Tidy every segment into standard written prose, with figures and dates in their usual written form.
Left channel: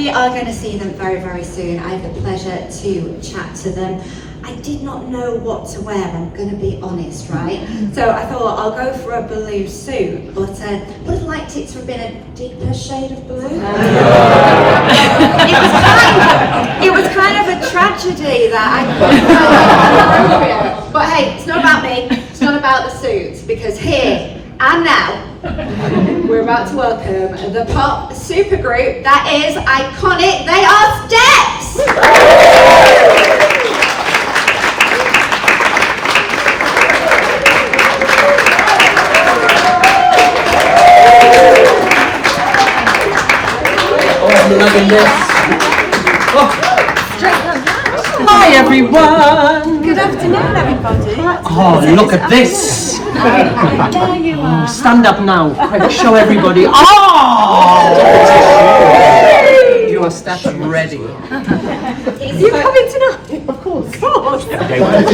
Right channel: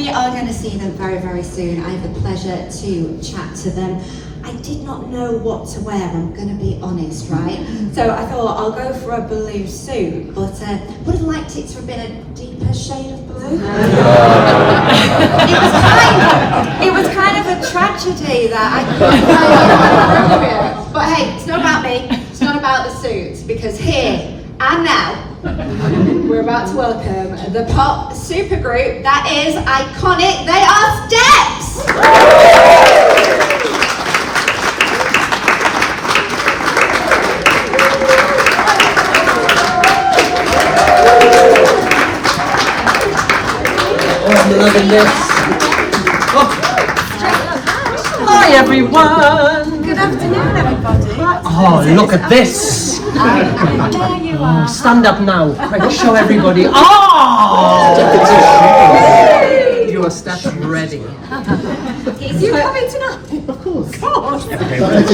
we are going to see them very, very soon. I have the pleasure to chat to them. I did not know what to wear, I'm going to be honest, right? So I thought I'll go for a blue suit, but would have liked it to have been a deeper shade of blue. It was kind of a tragedy that I couldn't. But hey, it's not about me, it's not about the suits, because here and now, we're about to welcome the pop supergroup that is iconic. They are Steps! Hi everyone! Good afternoon, everybody. Oh, look at this! There you are. Stand up now, quick, show everybody. Oh! Your Steps ready. You coming tonight? Of course.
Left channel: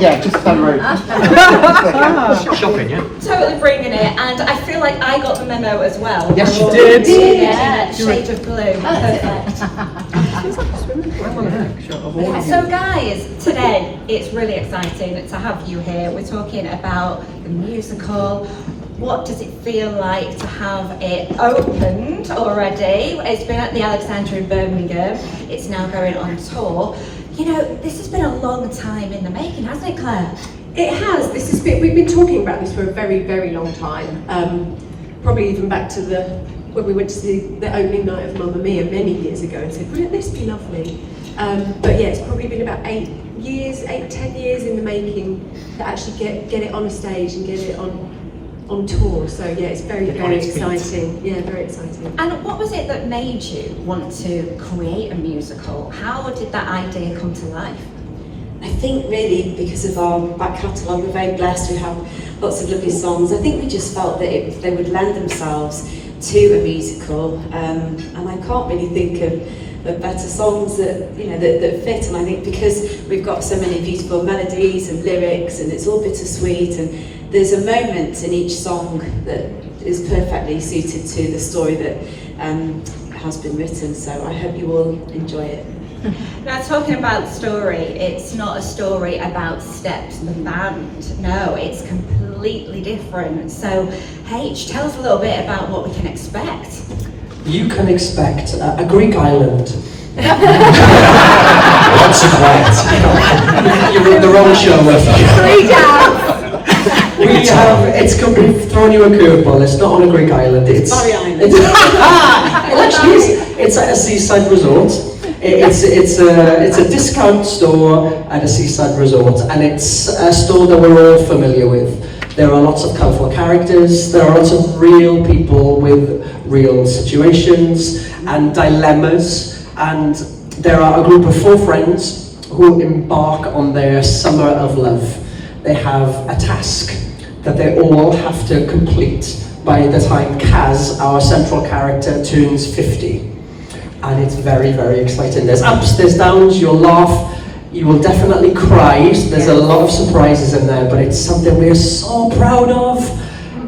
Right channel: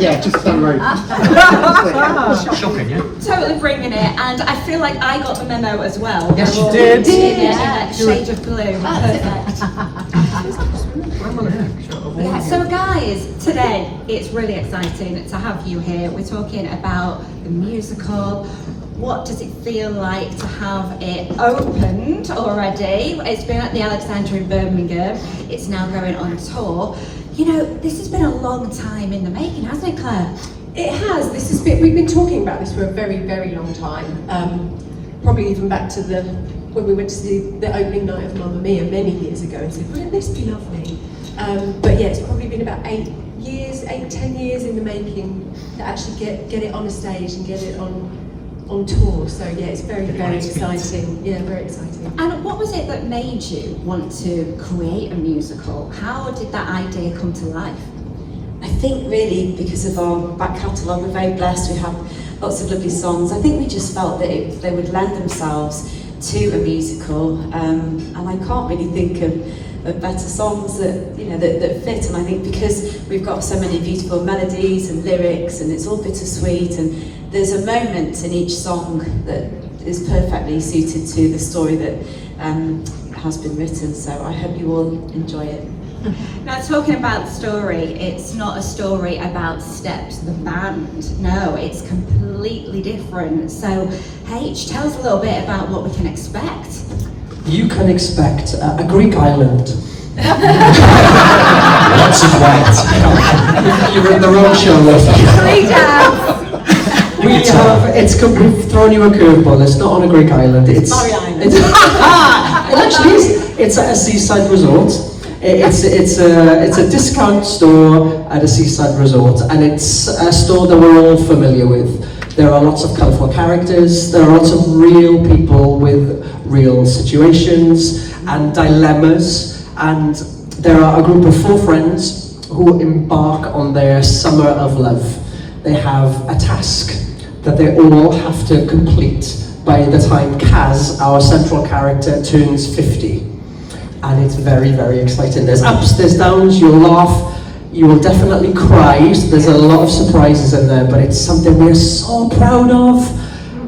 Yeah, just down the road. Shocking, yeah? Totally bringing it, and I feel like I got the memo as well. Yes, you did. Yeah, shade of blue. Perfect. So guys, today it's really exciting to have you here. We're talking about the musical. What does it feel like to have it opened already? It's been at the Alexandra in Birmingham. It's now going on tour. You know, this has been a long time in the making, hasn't it, Claire? It has. We've been talking about this for a very, very long time. Probably even back to when we went to see the opening night of Mamma Mia many years ago and said, wouldn't this be lovely? But yeah, it's probably been about 10 years in the making to actually get it on a stage and get it on tour. So yeah, it's very, very exciting. Yeah, very exciting. And what was it that made you want to create a musical? How did that idea come to life? I think really because of our back catalogue, we're very blessed, we have lots of lovely songs. I think we just felt that they would lend themselves to a musical, and I can't really think of better songs that that fit. And I think because we've got so many beautiful melodies and lyrics, and it's all bittersweet, and there's a moment in each song that is perfectly suited to the story that has been written. So I hope you all enjoy it. Now, talking about the story, it's not a story about Steps, the band. No, it's completely different. So, H, tell us a little bit about what we can expect. You can expect a Greek island. Lots of that. You're in the wrong show with me. We've thrown you a curveball. It's not on a Greek island. It's Island. It actually is. It's at a seaside resort. It's a discount store at a seaside resort, and it's a store that we're all familiar with. There are lots of colourful characters. There are lots of real people with real situations and dilemmas, and there are a group of 4 friends who embark on their summer of love. They have a task that they all have to complete by the time Kaz, our central character, turns 50. And it's very, very exciting. There's ups, there's downs, you'll laugh, you will definitely cry. So there's a lot of surprises in there, but it's something we're so proud of.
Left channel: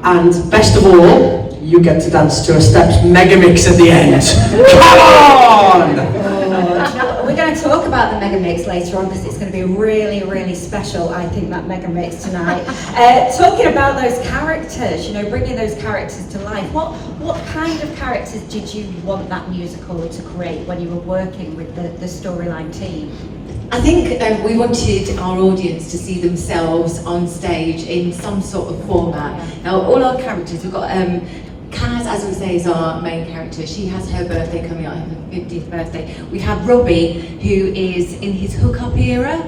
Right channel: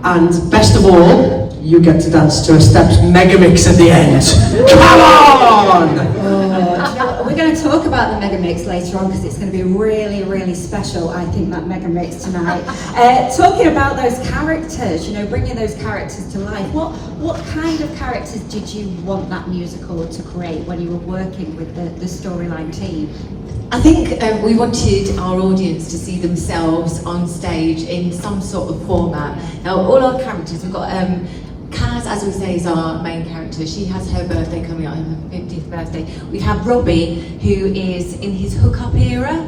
And best of all, you get to dance to a Steps megamix at the end. Come on! We're going to talk about the megamix later on because it's going to be really, really special, I think, that megamix tonight. Talking about those characters, bringing those characters to life, what kind of characters did you want that musical to create when you were working with the storyline team? I think we wanted our audience to see themselves on stage in some sort of format. Now, all our characters, we've got Kaz, as we say, is our main character. She has her birthday coming up, her 50th birthday. We have Robbie, who is in his hookup era.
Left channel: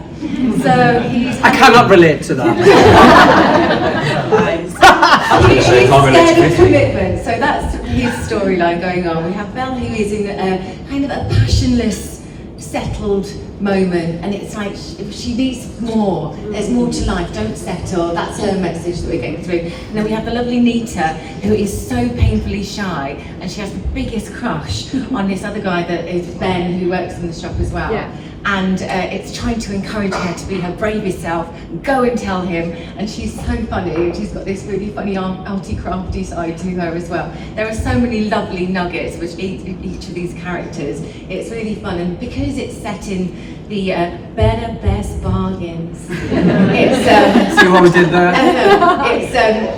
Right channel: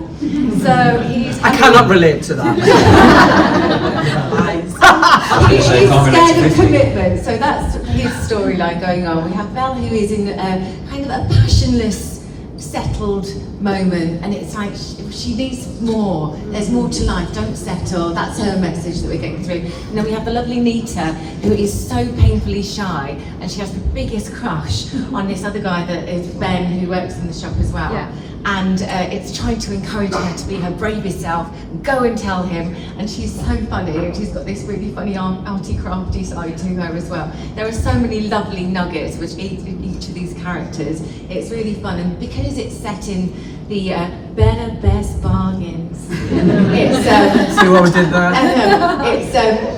So he's... I cannot relate to that. He's scared of commitment, so that's his storyline going on. We have Belle, who is in kind of a passionless, settled moment, and it's like she needs more. There's more to life, don't settle. That's her message that we're getting through. And then we have the lovely Nita, who is so painfully shy, and she has the biggest crush on this other guy that is Ben, who works in the shop as well. Yeah. and it's trying to encourage her to be her bravest self, go and tell him, and she's so funny, and she's got this really funny arty crafty side to her as well. There are so many lovely nuggets which each of these characters. It's really fun, and because it's set in the better best bargains, it's See what we did there?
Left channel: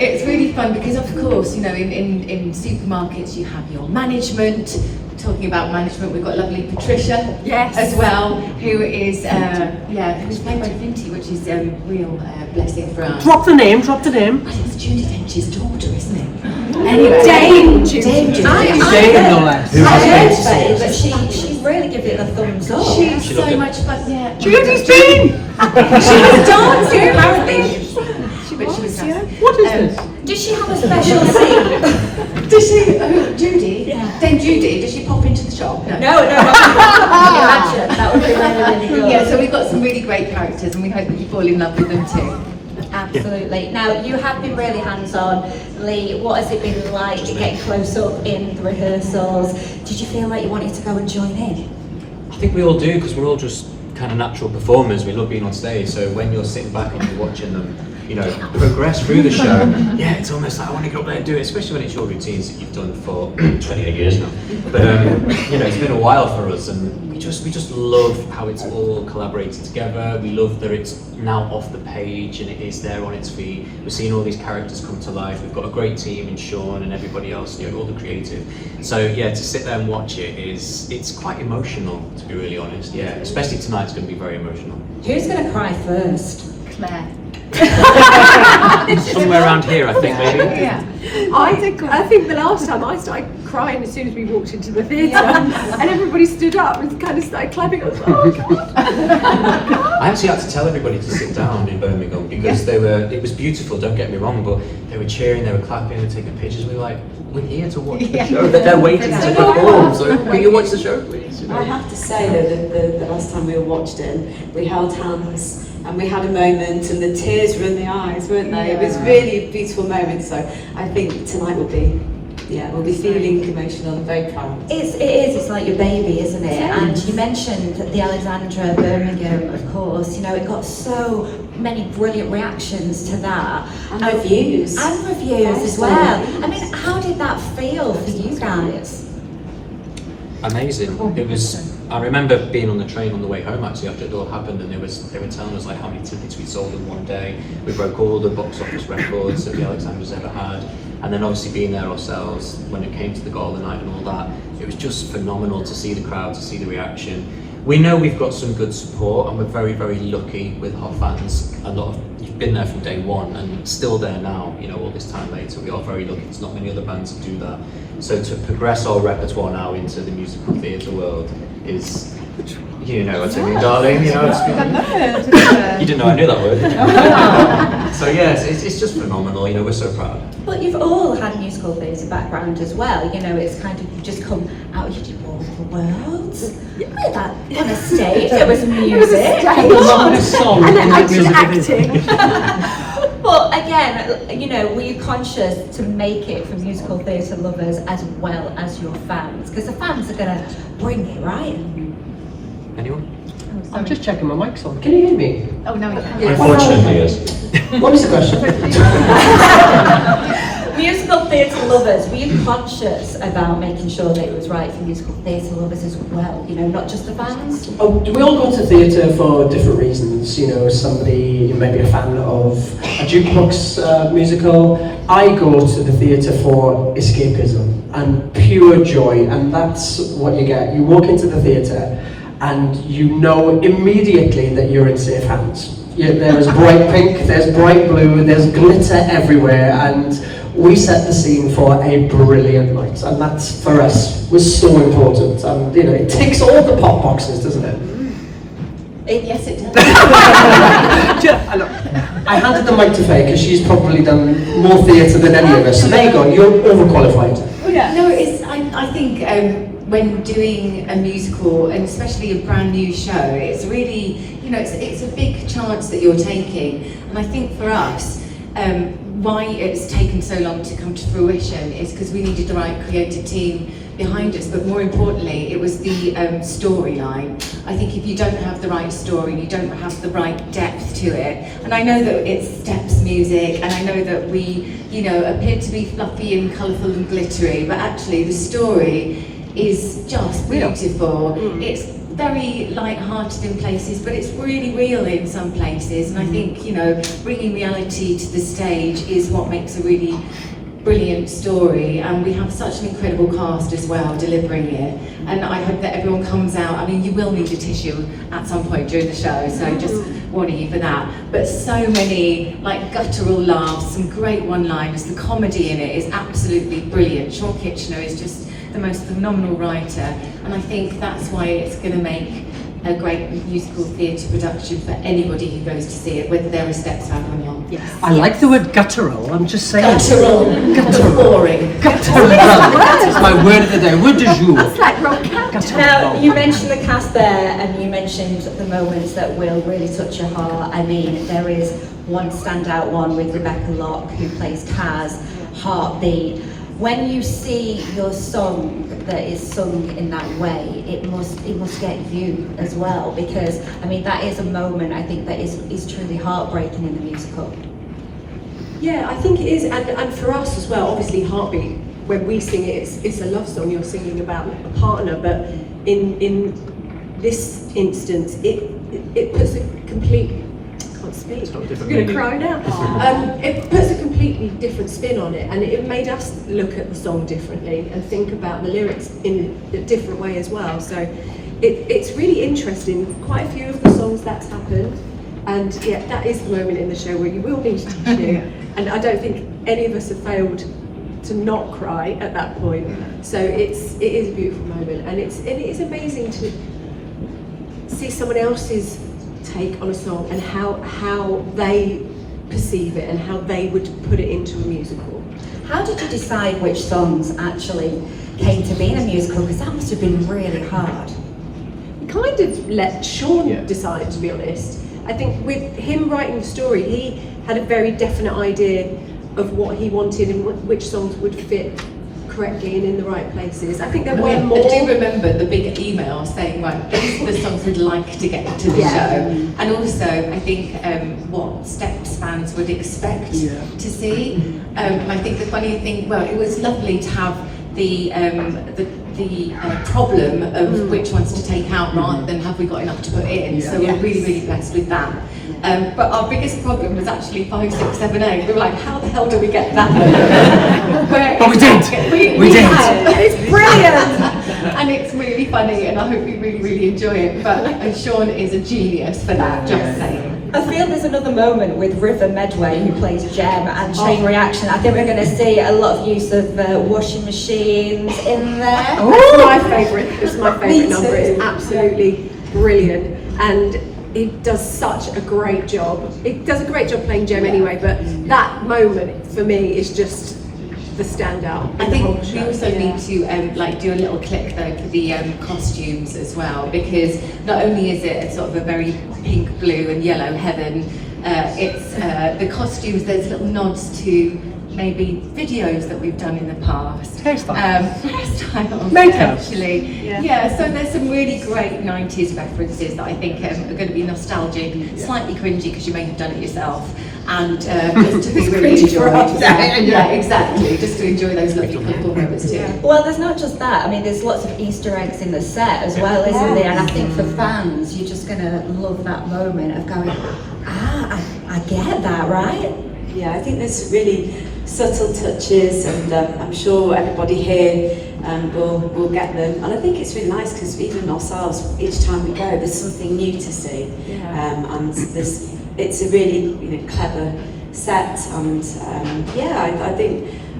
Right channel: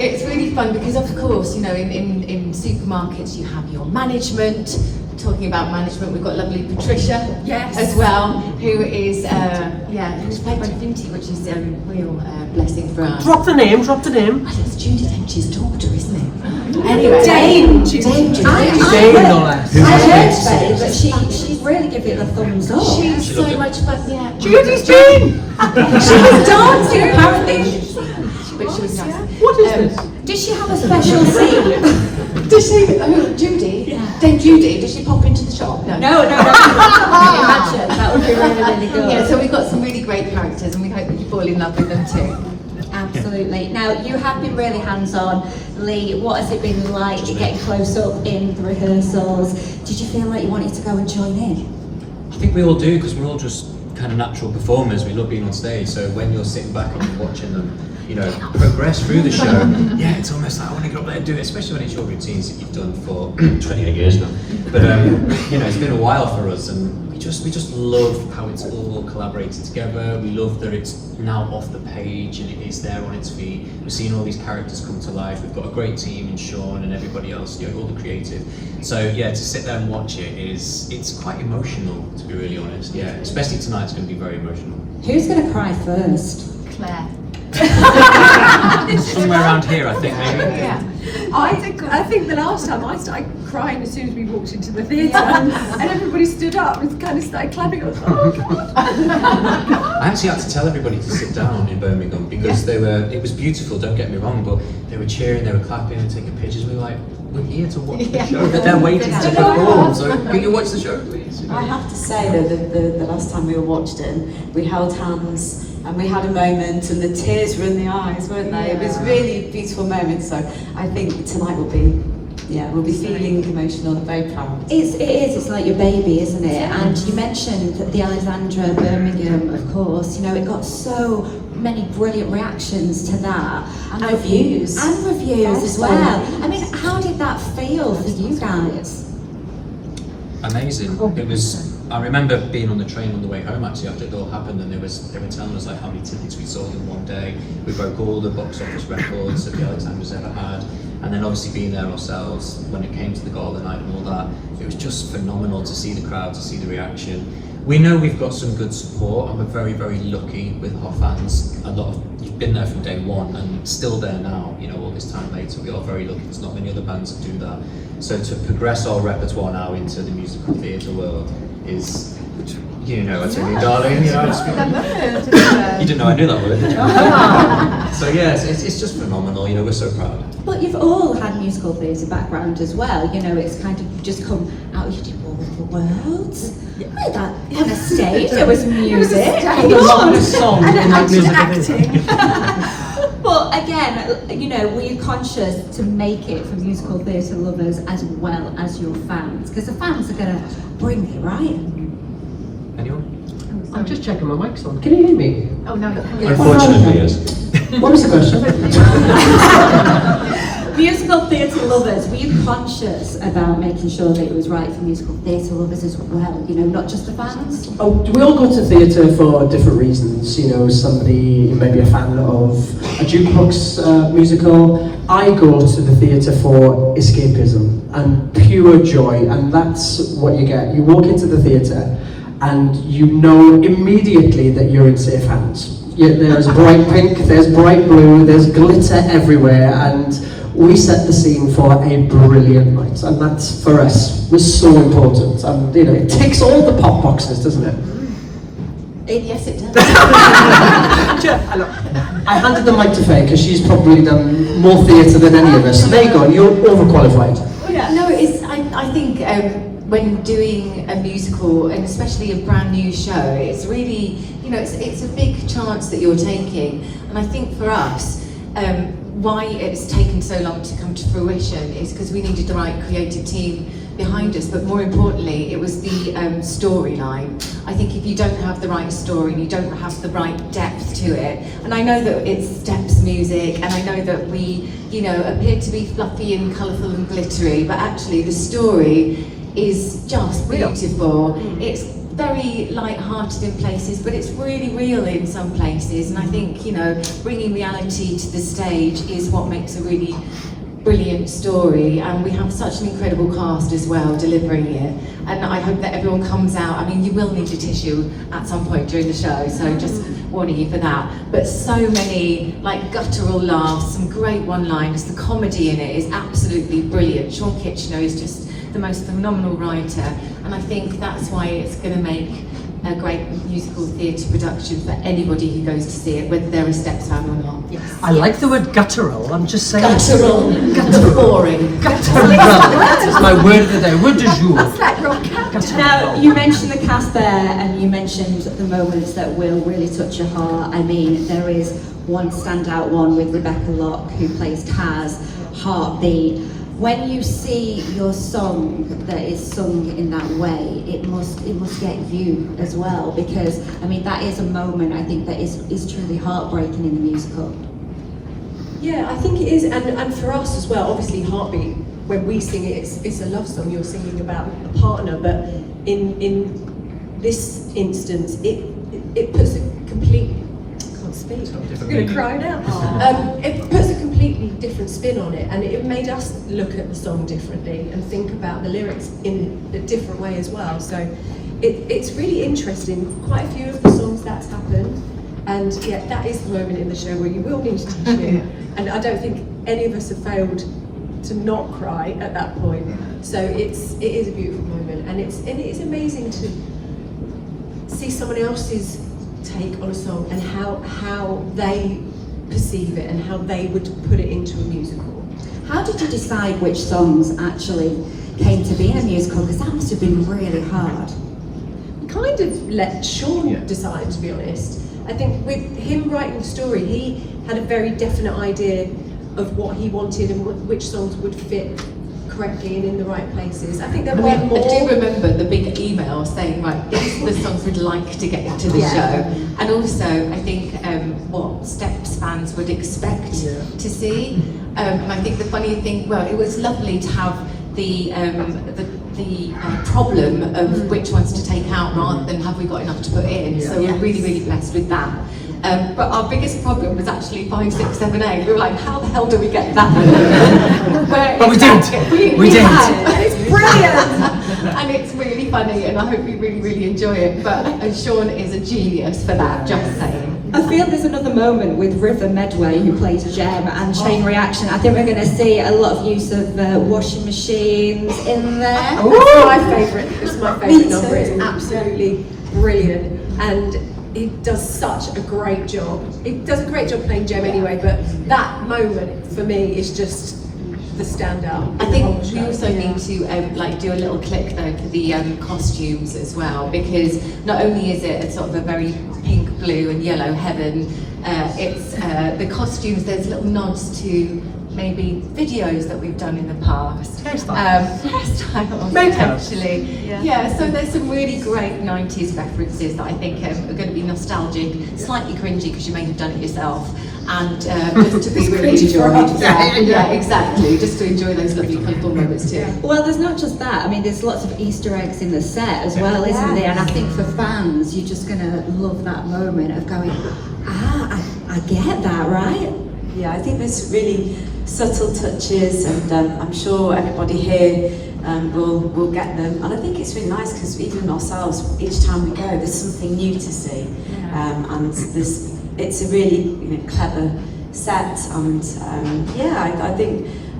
it's really fun because, of course, you know, in supermarkets you have your management. Talking about management, we've got lovely Patricia as well, who is who's played by Finty, which is a real blessing for us. Drop the name, drop the name. Well, it's Judy Dench's daughter, isn't it? Anyway, Dame Judy. Dame Judy. Dame, no less. I heard that she really gives it a thumbs up. She's so much fun, yeah. Judy's Dame! She was dancing, apparently. She was nice. What is this? Did she have a special scene? Does she, Judy? Yeah. Dame Judy, does she pop into the shop? No. No. Imagine, that would be really good. Yeah, so we've got some really great characters and we hope that you fall in love with them too. Absolutely. Now, you have been really hands-on. Lee, what has it been like getting close up in the rehearsals? Did you feel like you wanted to go and join in? I think we all do, because we're all just kind of natural performers. We love being on stage, so when you're sitting back and you're watching them, you know, progress through the show, yeah, it's almost like I want to get up there and do it, especially when it's your routines that you've done for 28 years now. But you know, it's been a while for us, and we just love how it's all collaborated together. We love that it's now off the page and it is there on its feet. We're seeing all these characters come to life. We've got a great team in Sean and everybody else, you know, all the creative. So yeah, to sit there and watch it's quite emotional, to be really honest. Yeah, especially tonight's going to be very emotional. Who's going to cry first? Claire. Somewhere around here, I think, maybe. Yeah. I think the last time I started crying as soon as we walked into the theatre, and everybody stood up and kind of started clapping. I was like, oh God. I actually had to tell everybody to sit down in Birmingham because it was beautiful, don't get me wrong, but they were cheering, they were clapping, they were taking pictures. We were like, we're here to watch the show, but they're waiting to perform, so can you watch the show, please? You know? I have to say though, the last time we all watched it, we held hands and we had a moment and the tears were in the eyes, weren't they? It was really a beautiful moment, so I think tonight will be, we'll be feeling emotional and very proud. It is, it's like your baby, isn't it? Yeah. And you mentioned the Alexandra Birmingham, of course, you know, it got so many brilliant reactions to that. And reviews. And reviews as well. I mean, how did that feel for you guys? Amazing. It was. I remember being on the train on the way home actually after it all happened, and they were telling us like how many tickets we sold in one day. We broke all the box office records that the Alexandra's ever had, and then obviously being there ourselves when it came to the gala night and all that, it was just phenomenal to see the crowd, to see the reaction. We know we've got some good support, and we're very, very lucky with our fans. A lot of you've been there from day one and still there now, you know, all this time later. We are very lucky. There's not many other bands that do that. So to progress our repertoire now into the musical theatre world is, you know what I mean, darling. You know, you didn't know I knew that word, did you? So yes, it's just phenomenal. You know, we're so proud. But you've all had musical theatre background as well. You know, it's kind of, you just come out, you do all over the world. Look at that, on a stage, there was music. A lot of songs And acting. Well, again, you know, were you conscious to make it for musical theatre lovers as well as your fans? Because the fans are going to bring it, right? Anyone? I'm just checking my mic's on. Can you hear me? Oh, no, we can't. Unfortunately, yes. What was the question? Musical theatre lovers, were you conscious about making sure that it was right for musical theatre lovers as well? You know, not just the fans? Oh, we all go to theatre for different reasons. You know, somebody may be a fan of a jukebox musical. I go to the theatre for escapism and pure joy, and that's what you get. You walk into the theatre and you know immediately that you're in safe hands. There's bright pink, there's bright blue, there's glitter everywhere, and we set the scene for a brilliant night, and that's for us was so important. And you know, it ticks all the pop boxes, doesn't it? Yes, it does. I handed the mic to Faye because she's probably done more theatre than any of us. So there you go, you're overqualified. No, it's. I think when doing a musical, and especially a brand new show, it's really, you know, it's a big chance that you're taking. And I think for us, why it's taken so long to come to fruition is because we needed the right creative team behind us, but more importantly, it was the storyline. I think if you don't have the right story, you don't have the right depth to it. And I know that it's steps music, and I know that we, you know, appear to be fluffy and colourful and glittery, but actually the story is just beautiful. It's very light-hearted in places, but it's really real in some places. And I think, you know, bringing reality to the stage is what makes a really brilliant story, and we have such an incredible cast as well delivering it, and I hope that everyone comes out. I mean, you will need a tissue at some point during the show, so just warning you for that, but so many like guttural laughs, some great one-liners, the comedy in it is absolutely brilliant. Sean Kitchener is just the most phenomenal writer, and I think that's why it's going to make a great musical theatre production for anybody who goes to see it, whether they're a Steps fan or not. Yes. I like the word guttural. I'm just saying. Guttural. Boring. Guttural. That's my word of the day. Word du jour. That's like rock. Now, you mentioned the cast there, and you mentioned the moments that will really touch your heart. I mean, there is one standout one with Rebecca Locke, who plays Kaz, Heartbeat. When you see your song that is sung in that way, it must get you as well, because I mean that is a moment I think that is truly heartbreaking in the musical. Yeah, I think it is, and for us as well. Obviously, Heartbeat, when we sing it, it's a love song. You're singing about a partner, but in this instance, it puts a complete. I can't speak. I'm going to cry now. It puts a completely different spin on it, and it made us look at the song differently and think about the lyrics in a different way as well. So it's really interesting. Quite a few of the songs that's happened, and yeah, that is the moment in the show where you will need to tissue. And I don't think any of us have failed to not cry at that point. So it is a beautiful moment, and it is amazing to see someone else's take on a song and how they perceive it and how they would put it into a musical. How did you decide which songs actually came to be in a musical? Because that must have been really hard. We kind of let Sean decide, to be honest. I think with him writing the story, he had a very definite idea of what he wanted and which songs would fit correctly and in the right places. I think there were more. I do remember the big email saying, right, these are the songs we'd like to get to the show. And also, I think what Steps fans would expect to see. And I think the funny thing, well, it was lovely to have the problem of which ones to take out rather than have we got enough to put in. So we were really, really blessed with that. But our biggest problem was actually 5, 6, 7, 8. We were like, how the hell do we get that? But we did. We did. It's brilliant. And it's really funny, and I hope you really, really enjoy it. But Sean is a genius for that, just saying. I feel there's another moment with River Medway, who plays Jem, and Chain Reaction. I think we're going to see a lot of use of washing machines in there. That's my favourite. It's my favourite number. It's absolutely brilliant, and it does such a great job. It does a great job playing Jem anyway, but that moment for me is just the standout. I think we also need to do a little click there for the costumes as well, because not only is it a sort of a very pink, blue and yellow heaven, it's the costumes, there's little nods to maybe videos that we've done in the past. Hairstyles, Makeup. actually. Yeah, so there's some really great 90s references that I think are going to be nostalgic, slightly cringy because you may have done it yourself, and just to be really enjoyed. Yeah, exactly, just to enjoy those lovely colourful moments too. Well, there's not just that. I mean, there's lots of Easter eggs in the set as well, isn't there? And I think for fans, you're just going to love that moment of going, I get that, right? Yeah, I think there's really subtle touches, and I'm sure everybody here will get them. And I think it's really nice because even ourselves, each time we go, there's something new to see, and it's a really clever set. And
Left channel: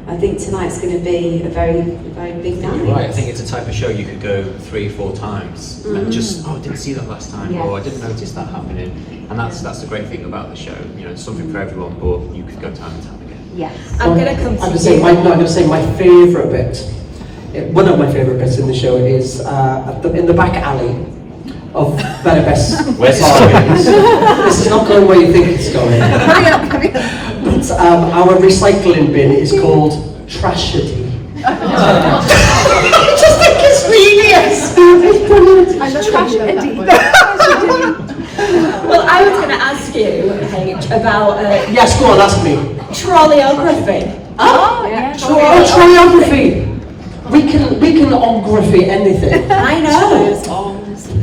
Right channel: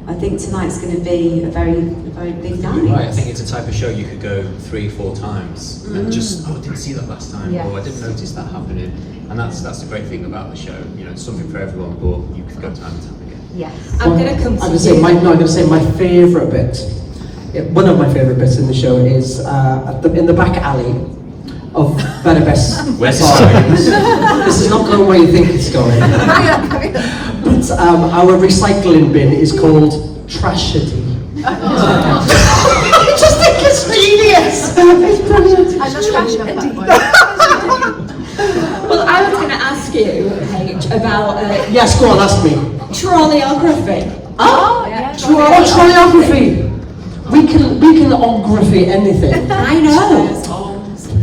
I think tonight's going to be a very big night. Right, I think it's a type of show you could go 3, 4 times and just, I didn't see that last time, or I didn't notice that happening. And that's the great thing about the show. It's something for everyone, but you could go time and time again. Yes. I'm going to come to I'm going to say my favourite bit. One of my favourite bits in the show is in the back alley of Better Best. Where's the This is not going where you think it's going. But our recycling bin is called Trashedy. It just genius! It's brilliant. I love Trash that Eddie. one. Well, I was going to ask you, Paige, about Yes, go on, ask me. choreography. Oh, yeah. Choreography. We can choreography anything. I know.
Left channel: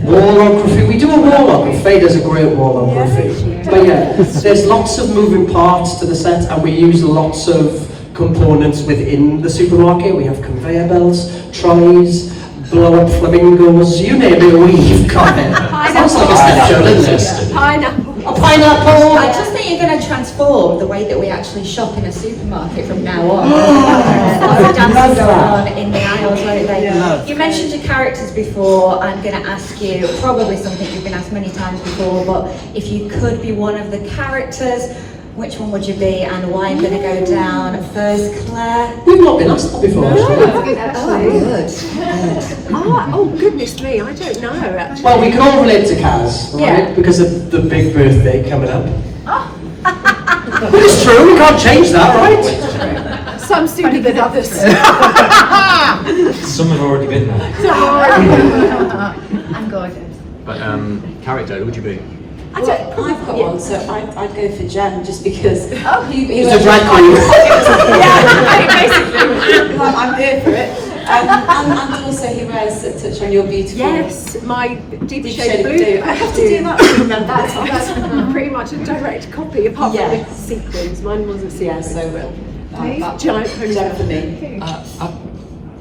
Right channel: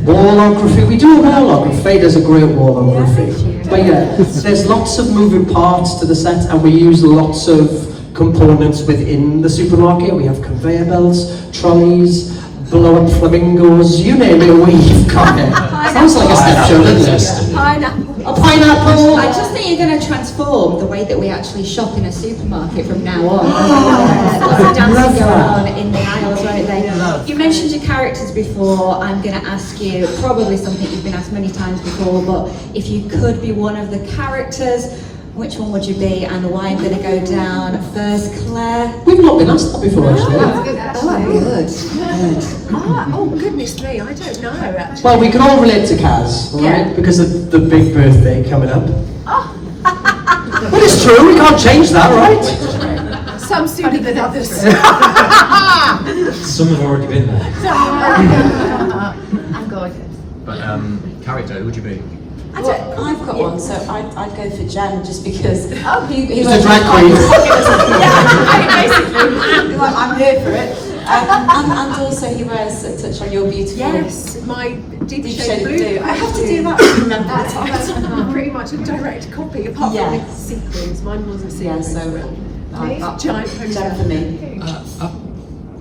Wallography. We do a wallography. Faye does a great wallography. But yeah, there's lots of moving parts to the set, and we use lots of components within the supermarket. We have conveyor belts, trolleys, blow-up flamingos, you name it, we've got it. Sounds like a step show, doesn't it? Pineapple. A pineapple! I just think you're going to transform the way that we actually shop in a supermarket from now on. There's dancing love going that. on in the aisles, aren't they? You mentioned your characters before. I'm going to ask you probably something you've been asked many times before, but if you could be one of the characters, which one would you be and why? I'm going to go down first, Claire. We've not been asked that before, actually. Oh, goodness me, I don't know, actually. Well, we can all relate to Kaz, right? Yeah. Because of the big birthday coming up. But it's true, we can't change that, right? Some sooner than others. Some have already been there. I'm gorgeous. But character, who would you be? I've got one, so I'd go for Jen just because he She's was a drag queen. I'm here for it. and also he wears a touch on your beautiful. Yes, my deep Deep shade shade of of blue. blue. I have to do that to remember. That's pretty much a direct copy, apart Yeah. from the sequins. Mine wasn't Yeah, sequins. so Giant Jen for ponytail. me.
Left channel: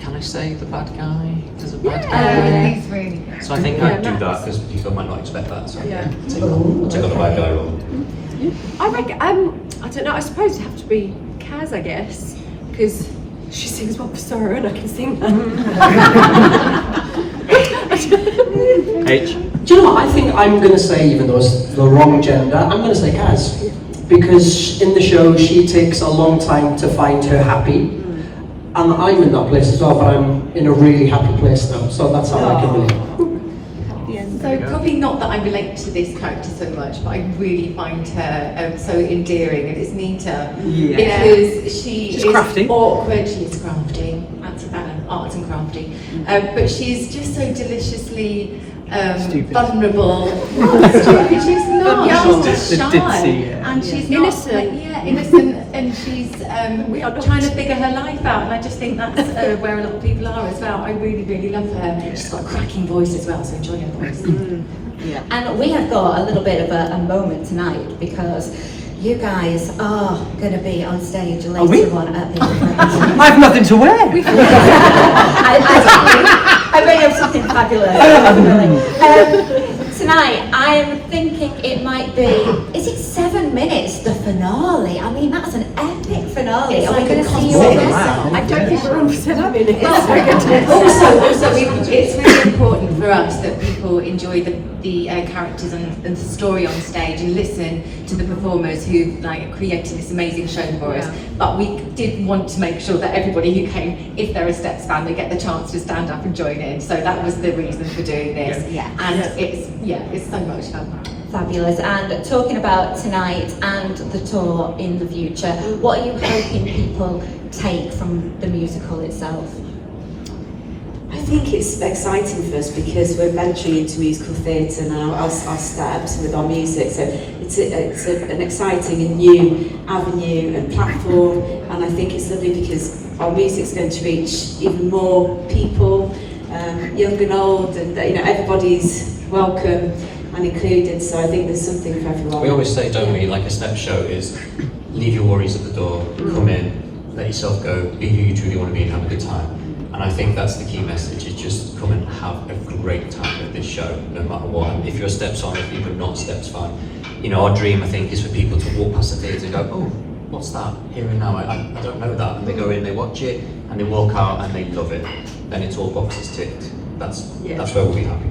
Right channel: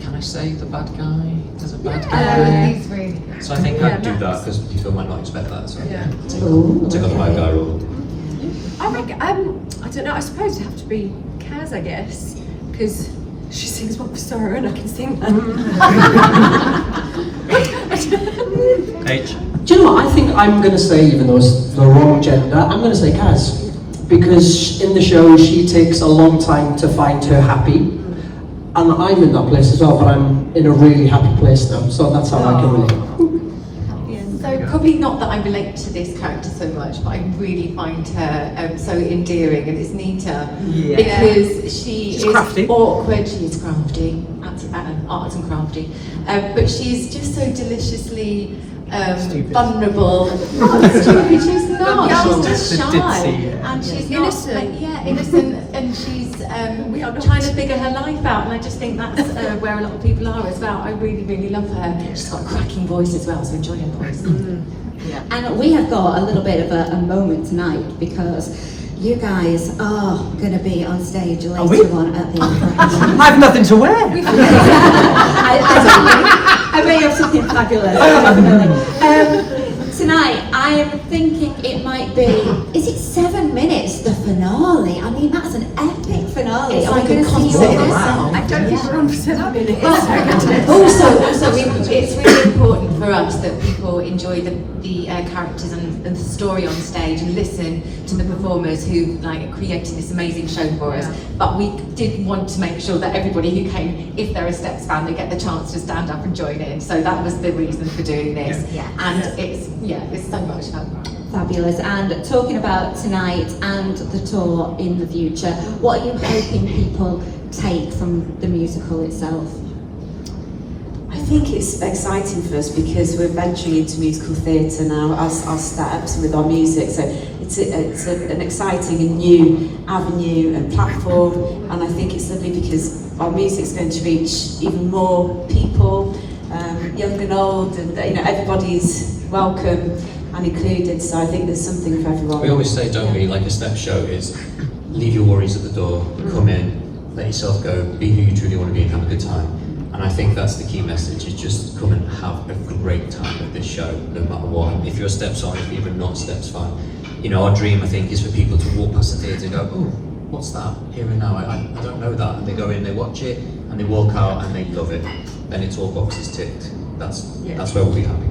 Can I say the bad guy? There's a bad Yeah, guy. he's really good. So I think Yeah, I'd do Max. that because people might not expect that. So Yeah. take on the bad guy role. I reckon, I don't know, I suppose it'd have to be Kaz, I guess, because she sings One for Sorrow and I can sing that. H. Do you know what? I think I'm going to say, even though it's the wrong gender, I'm going to say Kaz. Because in the show, she takes a long time to find her happy. And I'm in that place as well, but I'm in a really happy place now. So that's how I can relate. So probably not that I relate to this character so much, but I really find her so endearing, and it's Nita because She's is crafty. awkward. She's crafty, arts and crafty, but she's just so deliciously Stupid. vulnerable. Not stupid. She's not. Oh, She's the just shy, ditzy, yeah. and she's Innocent. not. Innocent, and she's We are not. trying to figure her life out. And I just think that's where a lot of people are as well. I really, really love her. She's got a cracking voice as well, so enjoy her voice. And we have got a little bit of a moment tonight because you guys are going to be on stage later we? on at the I have nothing to wear. I bet you have something fabulous. Tonight, I am thinking it might be, is it 7 minutes, the finale? I mean, that's an epic finale. It's Are we like going a to see you concert. all Wow. I don't think we're on for 7 minutes. It's really important for us that people enjoy the characters and the story on stage and listen to the performers who like created this amazing show for us. But we did want to make sure that everybody who came, if they're a Steps fan, they get the chance to stand up and join in. So that was the reason for doing this. And it's so much fun. Fabulous. And talking about tonight and the tour in the future, what are you hoping people take from the musical itself? I think it's exciting for us because we're venturing into musical theatre now, our steps with our music. So it's an exciting and new avenue and platform, and I think it's lovely because our music's going to reach even more people, young and old, and everybody's welcome and included. So I think there's something for everyone. We always say, don't we, like a step show is leave your worries at the door, come in, let yourself go, be who you truly want to be and have a good time. And I think that's the key message, is just come and have a great time with this show, no matter what. If you're a Steps on, if you're not a Steps fan, our dream, I think, is for people to walk past the theatre and go, oh, what's that? Here and now, I don't know that. And they go in, they watch it, and they walk out and they love it. Then it's all boxes ticked. That's where we'll be happy.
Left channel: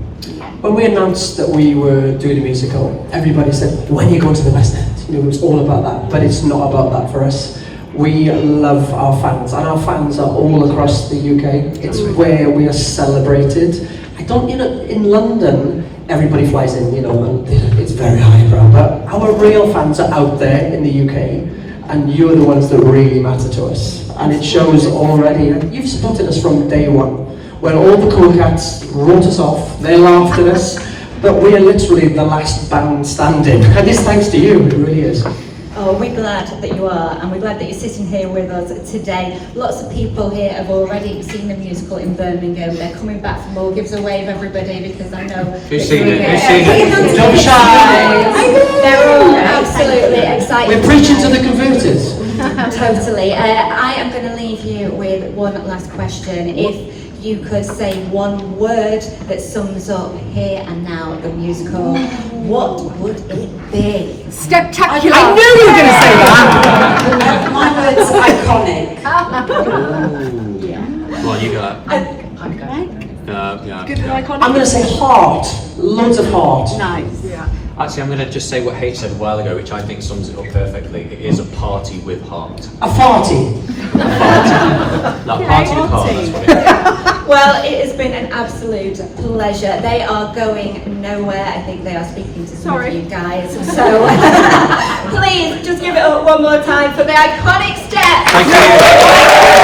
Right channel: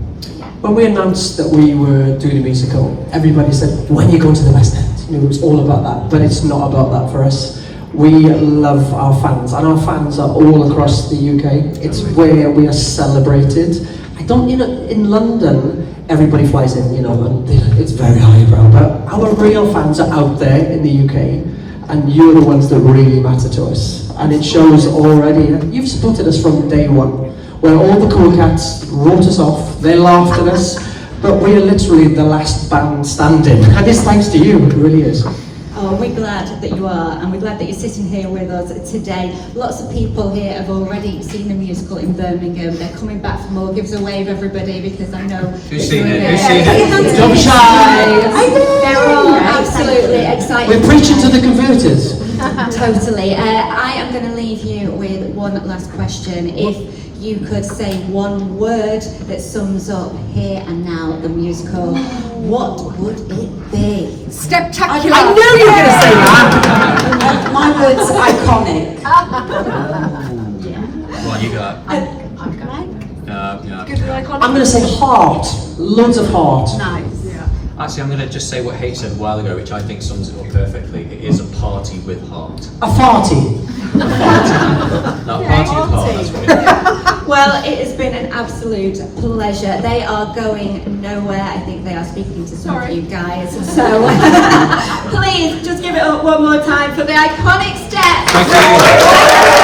When we announced that we were doing a musical, everybody said, when are you going to the West End? It was all about that, but it's not about that for us. We love our fans, and our fans are all across the UK. It's where we are celebrated. In London, everybody flies in, and it's very highbrow, but our real fans are out there in the UK, and you're the ones that really matter to us. And it shows already. You've supported us from day one. where all the cool cats wrote us off, they laughed at us, but we are literally the last band standing. And it's thanks to you, it really is. Oh, we're glad that you are, and we're glad that you're sitting here with us today. Lots of people here have already seen the musical in Birmingham. They're coming back for more. Give us a wave, everybody, because I know... Who's seen it? Who's seen it? Don't be shy! I know! They're all absolutely excited. We're preaching to the converted. Totally. I am going to leave you with one last question. If you could say one word that sums up Here and Now, the musical, what would it be? Spectacular. I knew you were going to say that. My words are iconic. Well, you got that. Yeah. I'm going to say heart. Loads of heart. Actually, I'm going to just say what H said a while ago, which I think sums it up perfectly. It is a party with heart. A farty. That party with heart, that's what it is. Well, it has been an absolute pleasure. They are going nowhere. I think they are speaking to some of you guys. So please just give it up one more time for the iconic step. Thank you.